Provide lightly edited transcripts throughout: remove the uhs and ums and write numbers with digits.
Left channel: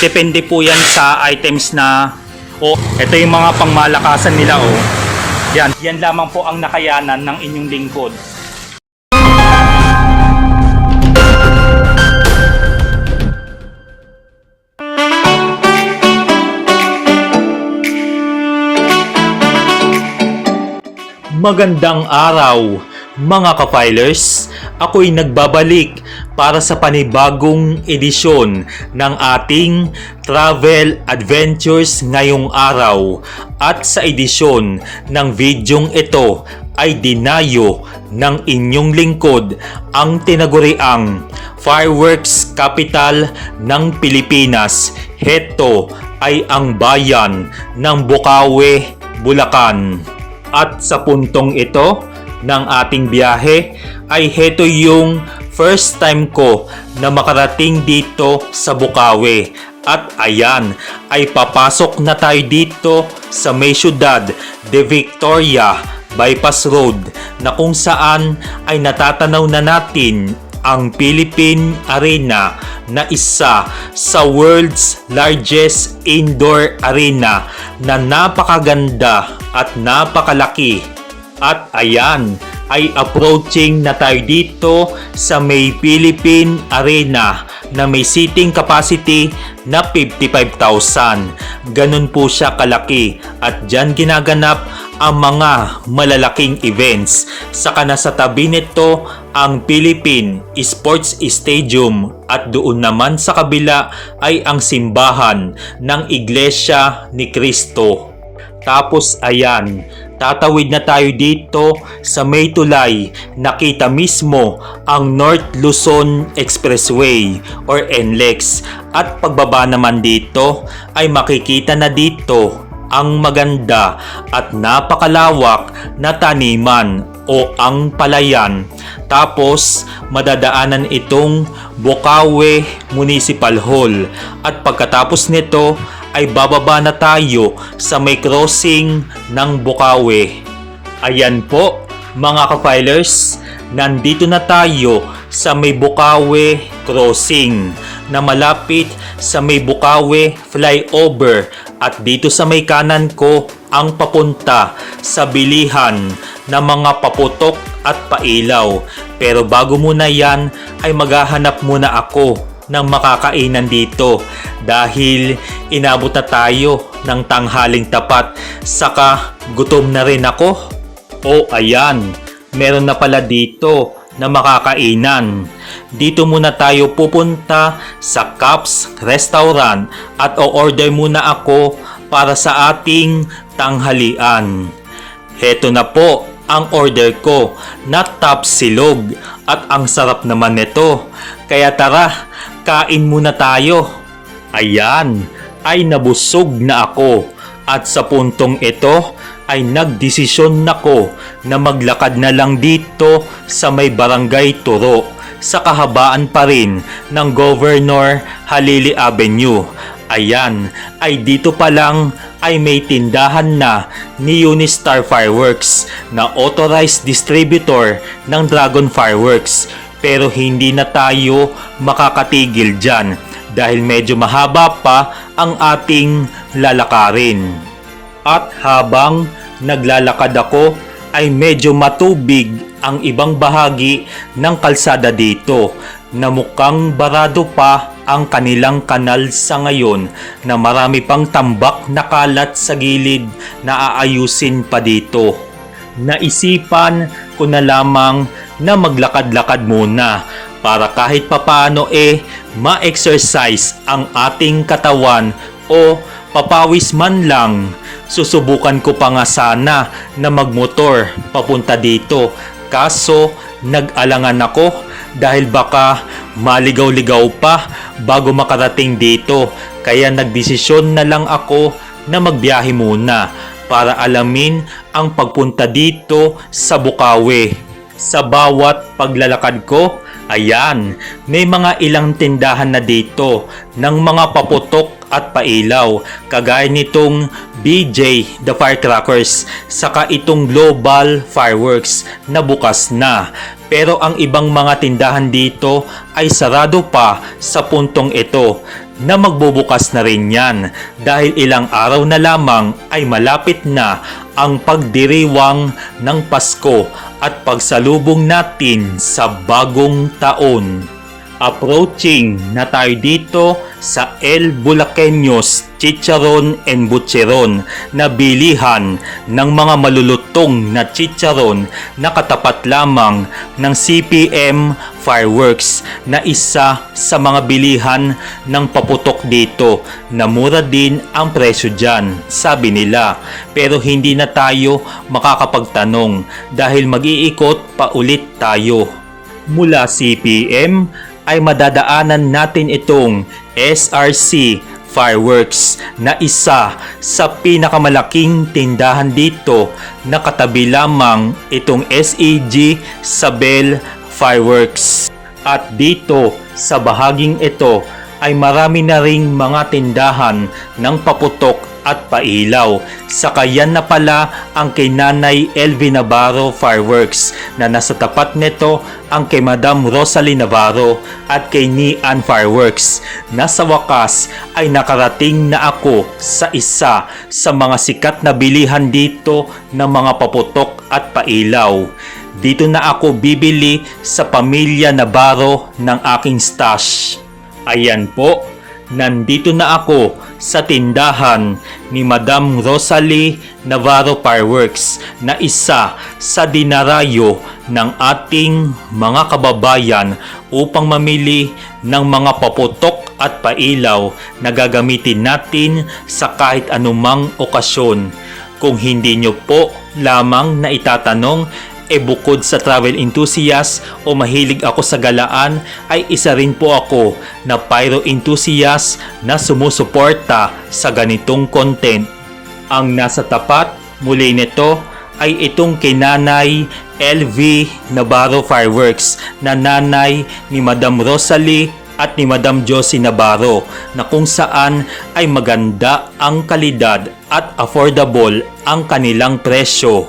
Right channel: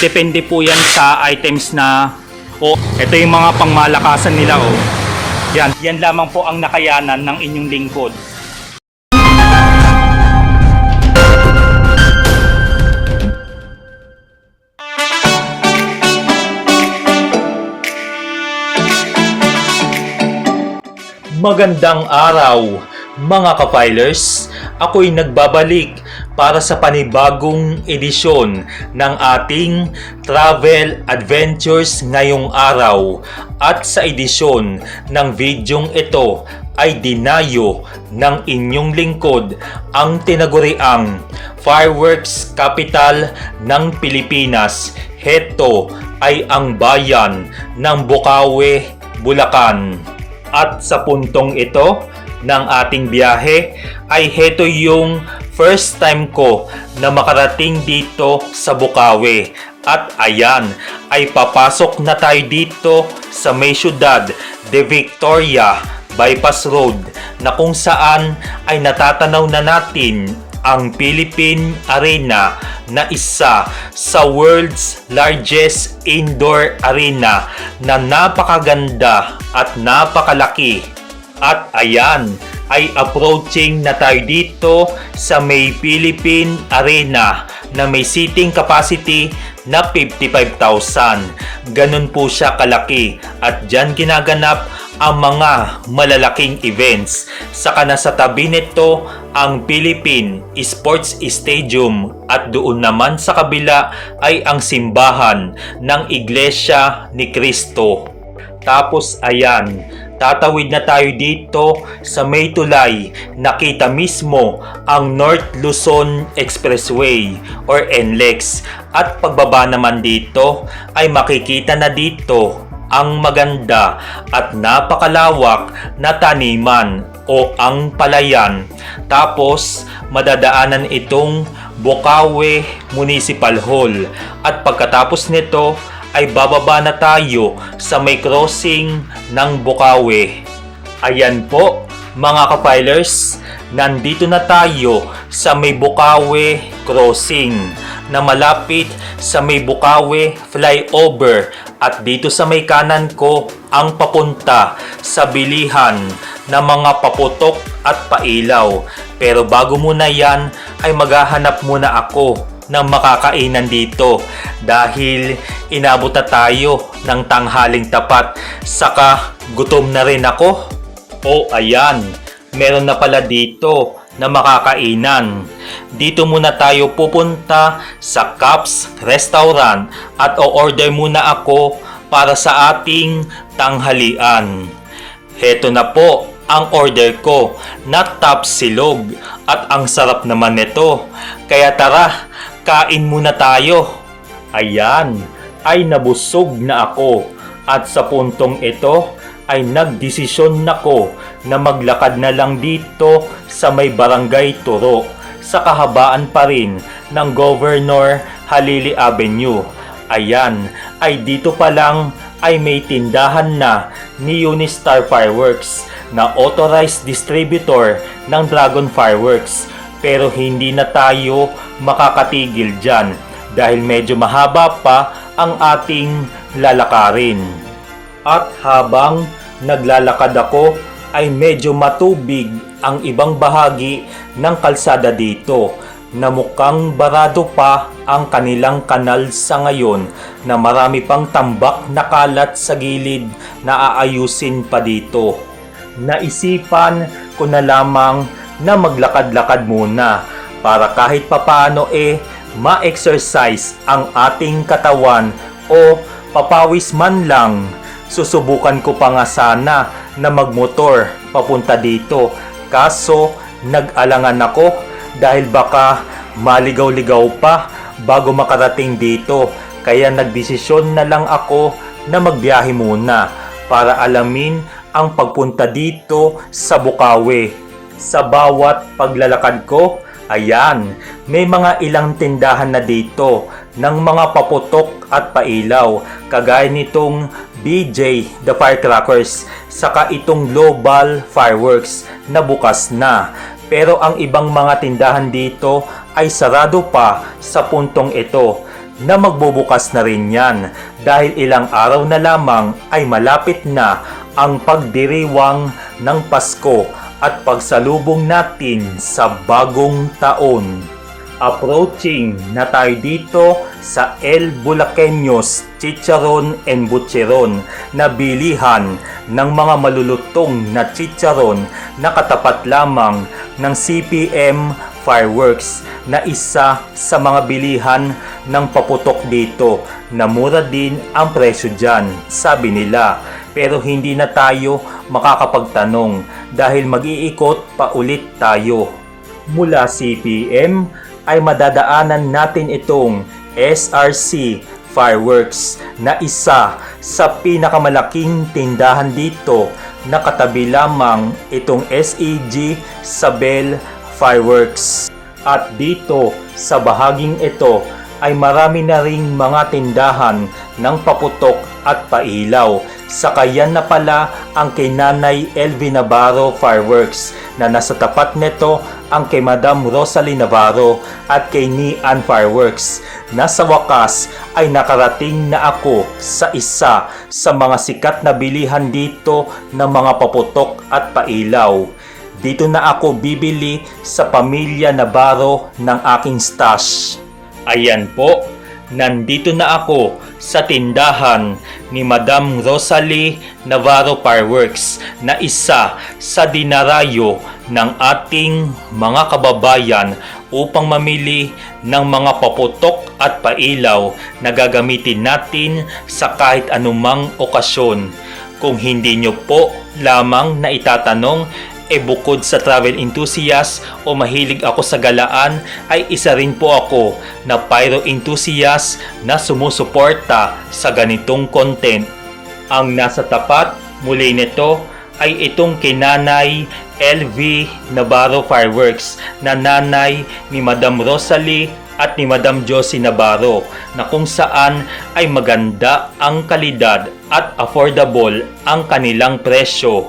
Depende po yan sa items na ito yung mga pangmalakasan nila Yan lamang po ang nakayanan ng inyong lingkod. Magandang araw mga ka-filers, ako'y nagbabalik para sa panibagong edisyon ng ating travel adventures ngayong araw. At sa edisyon ng videong ito ay dinayo ng inyong lingkod ang tinaguriang fireworks capital ng Pilipinas. Heto ay ang bayan ng Bocaue, Bulacan. At sa puntong ito ng ating biyahe ay heto yung first time ko na makarating dito sa Bocaue. At ayan, ay papasok na tayo dito sa may syudad de Victoria Bypass Road na kung saan ay natatanaw na natin ang Philippine Arena na isa sa world's largest indoor arena na napakaganda at napakalaki. At ayan, ay approaching na tayo dito sa may Philippine Arena na may seating capacity na 55,000. Ganun po siya kalaki at dyan ginaganap ang mga malalaking events. Saka nasa tabi nito ang Philippine Sports Stadium at doon naman sa kabila ay ang simbahan ng Iglesia ni Cristo. Tapos ayan, tatawid na tayo dito sa may tulay. Nakita mismo ang North Luzon Expressway or NLEX. At pagbaba naman dito ay makikita na dito ang maganda at napakalawak na taniman o ang palayan. Tapos madadaanan itong Bocaue Municipal Hall. At pagkatapos nito ay bababa na tayo sa may crossing ng Bocaue. Ayan po mga ka-filers, nandito na tayo sa may Bocaue crossing na malapit sa may Bocaue flyover. At dito sa may kanan ko ang papunta sa bilihan ng mga paputok at pailaw. Pero bago muna yan ay maghahanap muna ako ng makakainan dito dahil inabot na tayo ng tanghaling tapat, saka gutom na rin ako. Ayan, meron na pala dito na makakainan. Dito muna tayo pupunta sa Caps Restaurant at o-order muna ako para sa ating tanghalian. Heto na po ang order ko na top silog at ang sarap naman nito. Kaya tara, kain muna tayo. Ayan, ay nabusog na ako at sa puntong ito ay nagdesisyon nako na maglakad na lang dito sa may Barangay Turo sa kahabaan pa rin ng Governor Halili Avenue. Ayan, ay dito pa lang ay may tindahan na ni Unistar Fireworks na authorized distributor ng Dragon Fireworks. Pero hindi na tayo makakatigil dyan dahil medyo mahaba pa ang ating lalakarin. At habang naglalakad ako ay medyo matubig ang ibang bahagi ng kalsada dito na mukhang barado pa ang kanilang kanal sa ngayon na marami pang tambak na kalat sa gilid na aayusin pa dito. Naisipan ko na lamang na maglakad-lakad muna para kahit papaano ma-exercise ang ating katawan o papawis man lang. Susubukan ko pa nga sana na magmotor papunta dito, kaso nag-alangan ako dahil baka maligaw-ligaw pa bago makarating dito. Kaya nagdesisyon na lang ako na magbiyahe muna para alamin ang pagpunta dito sa Bocaue. Sa bawat paglalakad ko, ayan, may mga ilang tindahan na dito ng mga paputok at pailaw kagaya nitong BJ the Firecrackers saka itong Global Fireworks na bukas na. Pero ang ibang mga tindahan dito ay sarado pa sa puntong ito na magbubukas na rin yan dahil ilang araw na lamang ay malapit na ang pagdiriwang ng Pasko at pagsalubong natin sa bagong taon. Approaching na tayo dito sa El Bulaqueños Chicharon and Butcheron na bilihan ng mga malulutong na chicharon na katapat lamang ng CPM Fireworks na isa sa mga bilihan ng paputok dito na mura din ang presyo dyan, sabi nila. Pero hindi na tayo makakapagtanong dahil mag-iikot pa ulit tayo. Mula CPM ay madadaanan natin itong SRC Fireworks na isa sa pinakamalaking tindahan dito na katabi lamang itong SEG Sabel Fireworks. At dito sa bahaging ito ay marami na ring mga tindahan ng paputok at pailaw. Saka yan na pala ang kay Nanay LV Navarro Fireworks na nasa tapat nito ang kay Madam Rosalie Navarro at kay Nian Fireworks. Nasa wakas ay nakarating na ako sa isa sa mga sikat na bilihan dito ng mga paputok at pailaw. Dito na ako bibili sa Pamilya Navarro ng aking stash. Ayan po, nandito na ako sa tindahan ni Madam Rosalie Navarro Fireworks na isa sa dinarayo ng ating mga kababayan upang mamili ng mga paputok at pailaw na gagamitin natin sa kahit anumang okasyon. Kung hindi nyo po lamang na itatanong, bukod sa travel enthusiast o mahilig ako sa galaan, ay isa rin po ako na pyro enthusiast na sumusuporta sa ganitong content. Ang nasa tapat muli nito ay itong kay Nanay LV Navarro Fireworks na nanay ni Madam Rosalie at ni Madam Josie Navarro na kung saan ay maganda ang kalidad at affordable ang kanilang presyo.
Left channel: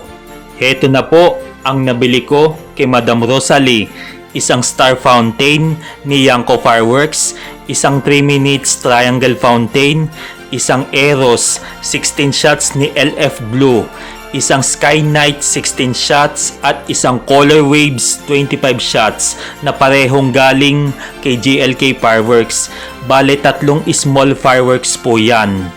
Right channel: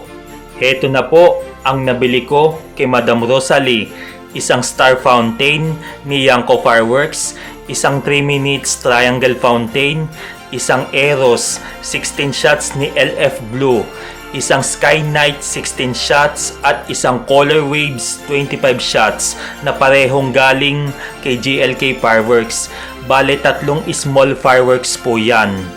Heto na po ang nabili ko kay Madam Rosalie, isang star fountain ni Yanko Fireworks, isang 3 minutes triangle fountain, isang Eros 16 shots ni LF Blue, isang Sky Night 16 shots at isang Color Waves 25 shots na parehong galing kay GLK Fireworks. Bale 3 small fireworks po yan.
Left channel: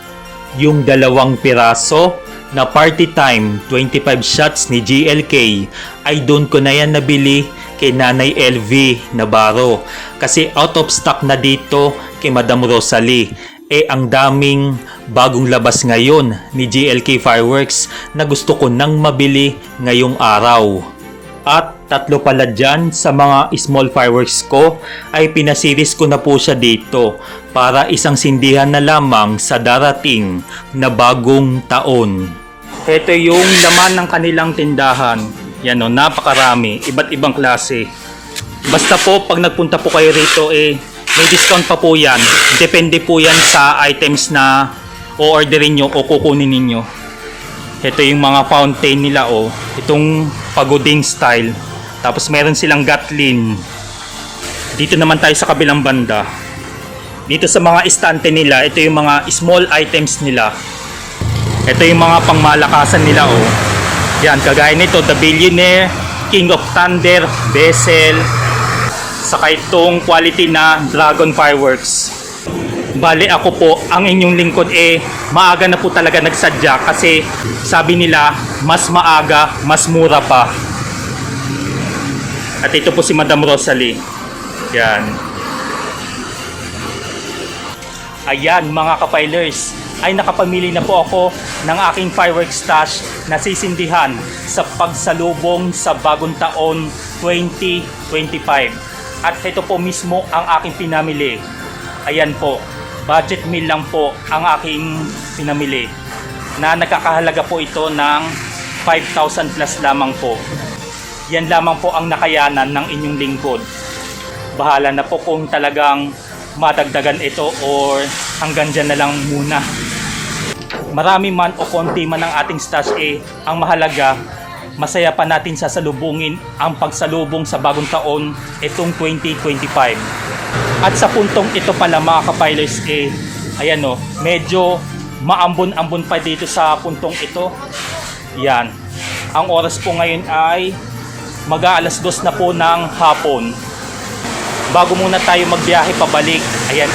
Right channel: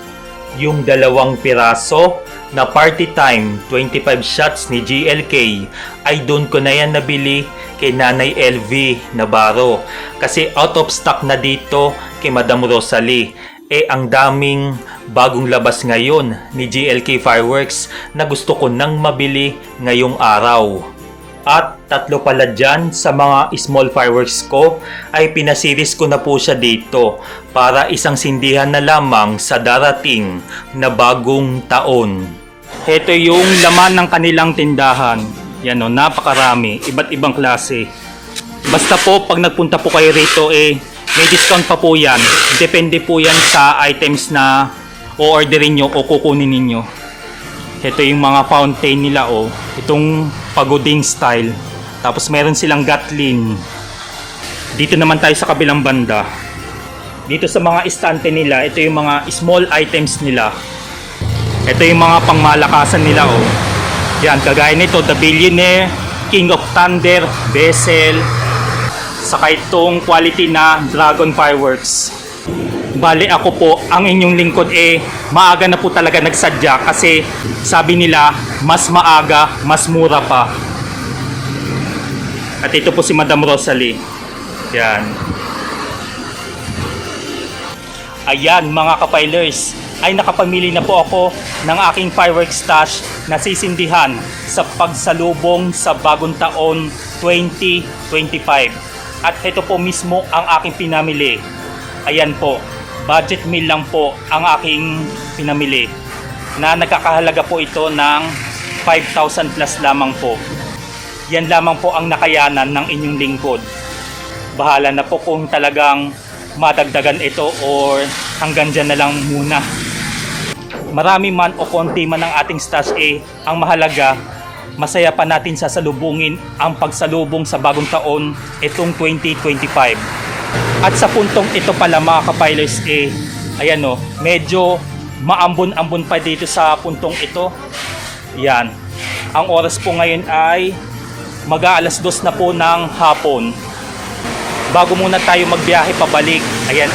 Yung 2 piraso na Party Time 25 shots ni GLK ay doon ko na yan nabili kay Nanay LV Navarro kasi out of stock na dito kay Madam Rosalie. Ang daming bagong labas ngayon ni GLK Fireworks na gusto ko nang mabili ngayong araw. At 3 pala dyan sa mga small fireworks ko ay pinasiris ko na po siya dito para isang sindihan na lamang sa darating na bagong taon. Ito yung laman ng kanilang tindahan. Yan o, napakarami, iba't ibang klase. Basta po pag nagpunta po kayo rito may discount pa po yan. Depende po yan sa items na o-orderin nyo o kukunin ninyo. Ito yung mga fountain nila itong pagoding style. Tapos meron silang Gatlin. Dito naman tayo sa kabilang banda. Dito sa mga estante nila, ito yung mga small items nila. Ito yung mga pangmalakasan nila Yan, kagaya nito, The Billionaire, King of Thunder, Bessel, saka itong quality na Dragon Fireworks. Bale ako po, ang inyong lingkod maaga na po talaga nagsadya kasi sabi nila mas maaga, mas mura pa. At ito po si Madam Rosalie. Yan. Ayan mga kapilers, ay nakapamili na po ako ng aking fireworks stash na sisindihan sa pagsalubong sa bagong taon 2025. At ito po mismo ang aking pinamili. Ayan po, budget meal lang po ang aking pinamili. Na nagkakahalaga po ito ng 5,000 plus lamang po. Yan lamang po ang nakayanan ng inyong lingkod. Bahala na po kung talagang madagdagan ito or hanggang dyan na lang muna. Marami man o konti man ang ating stash ang mahalaga, masaya pa natin sasalubungin ang pagsalubong sa bagong taon itong 2025. At sa puntong ito pala mga kapilers, ayan o, medyo maambon-ambon pa dito sa puntong ito. Yan. Ang oras po ngayon ay mag-aalas 2 na po ng hapon. Bago muna tayo magbiyahe pabalik, ayan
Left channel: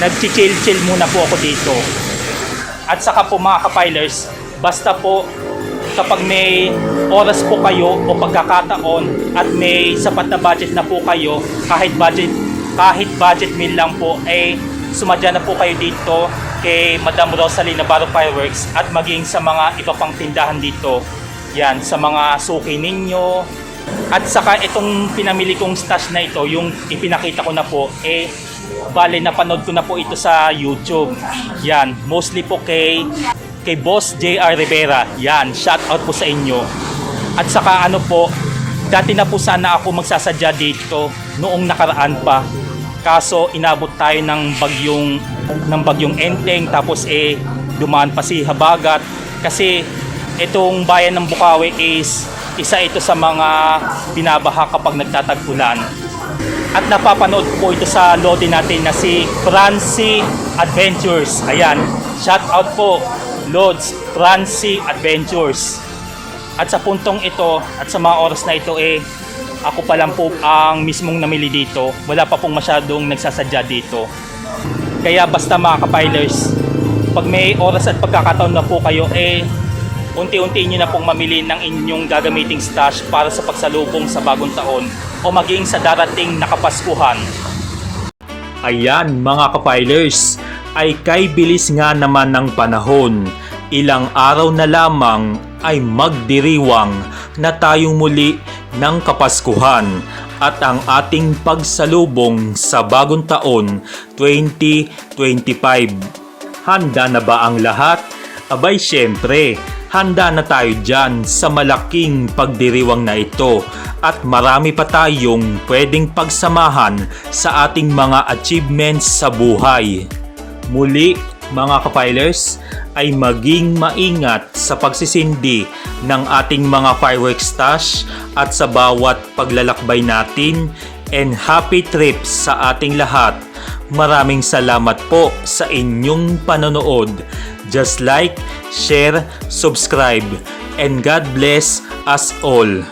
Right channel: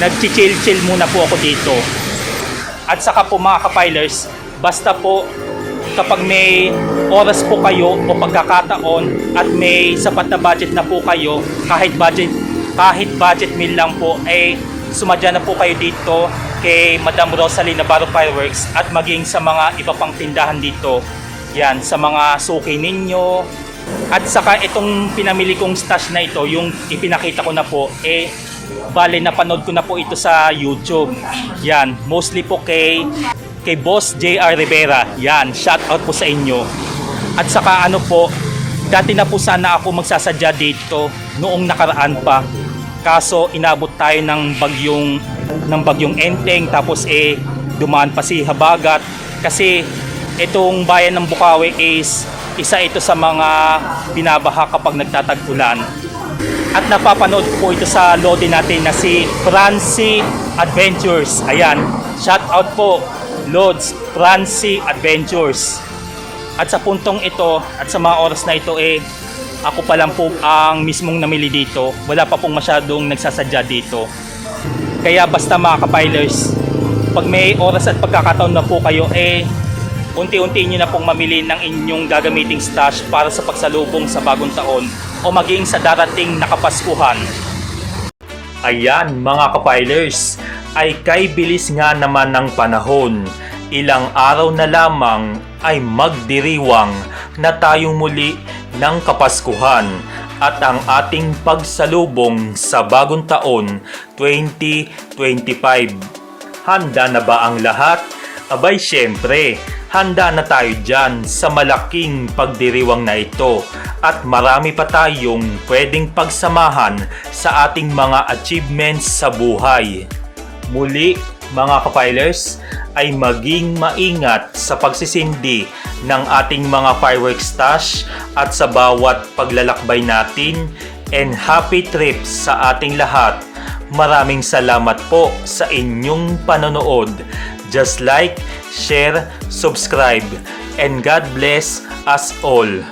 nagchichill-chill muna po ako dito. At saka po mga kapilers, basta po kapag may oras po kayo o pagkakataon at may sapat na budget na po kayo, kahit budget meal lang po, sumadya na po kayo dito kay Madam Rosalie Navarro Fireworks at maging sa mga iba pang tindahan dito. Yan, sa mga suki ninyo. At saka itong pinamili kong stash na ito, yung ipinakita ko na po, bale napanood ko na po ito sa YouTube. Yan, mostly po kay Boss JR Rivera. Yan, shout out po sa inyo. At saka ano po, dati na po sana ako magsasadya dito noong nakaraan pa. Kaso inabot tayo ng bagyong Enteng, tapos dumaan pa si Habagat kasi itong bayan ng Bukawi is isa ito sa mga binabaha kapag nagtatag-ulan. At napapanood ko po ito sa lodi natin na si Francie Adventures. Ayan, shout out po Lods Francie Adventures. At sa puntong ito at sa mga oras na ito ako pa lang po ang mismong namili dito. Wala pa pong masyadong nagsasadya dito. Kaya basta mga kapilers, pag may oras at pagkakataon na po kayo, unti-unti nyo na pong mamili ng inyong gagamiting stash para sa pagsalubong sa bagong taon o maging sa darating na Kapaskuhan. Ayan mga kapilers, ay kay bilis nga naman ng panahon. Ilang araw na lamang ay magdiriwang na tayong muli ng Kapaskuhan at ang ating pagsalubong sa bagong taon 2025. Handa na ba ang lahat? Abay syempre, handa na tayo dyan sa malaking pagdiriwang na ito at marami pa tayong pwedeng pagsamahan sa ating mga achievements sa buhay. Muli mga kapilers, ay maging maingat sa pagsisindi ng ating mga fireworks stash at sa bawat paglalakbay natin, and happy trips sa ating lahat. Maraming salamat po sa inyong panonood. Just like, share, subscribe, and God bless us all.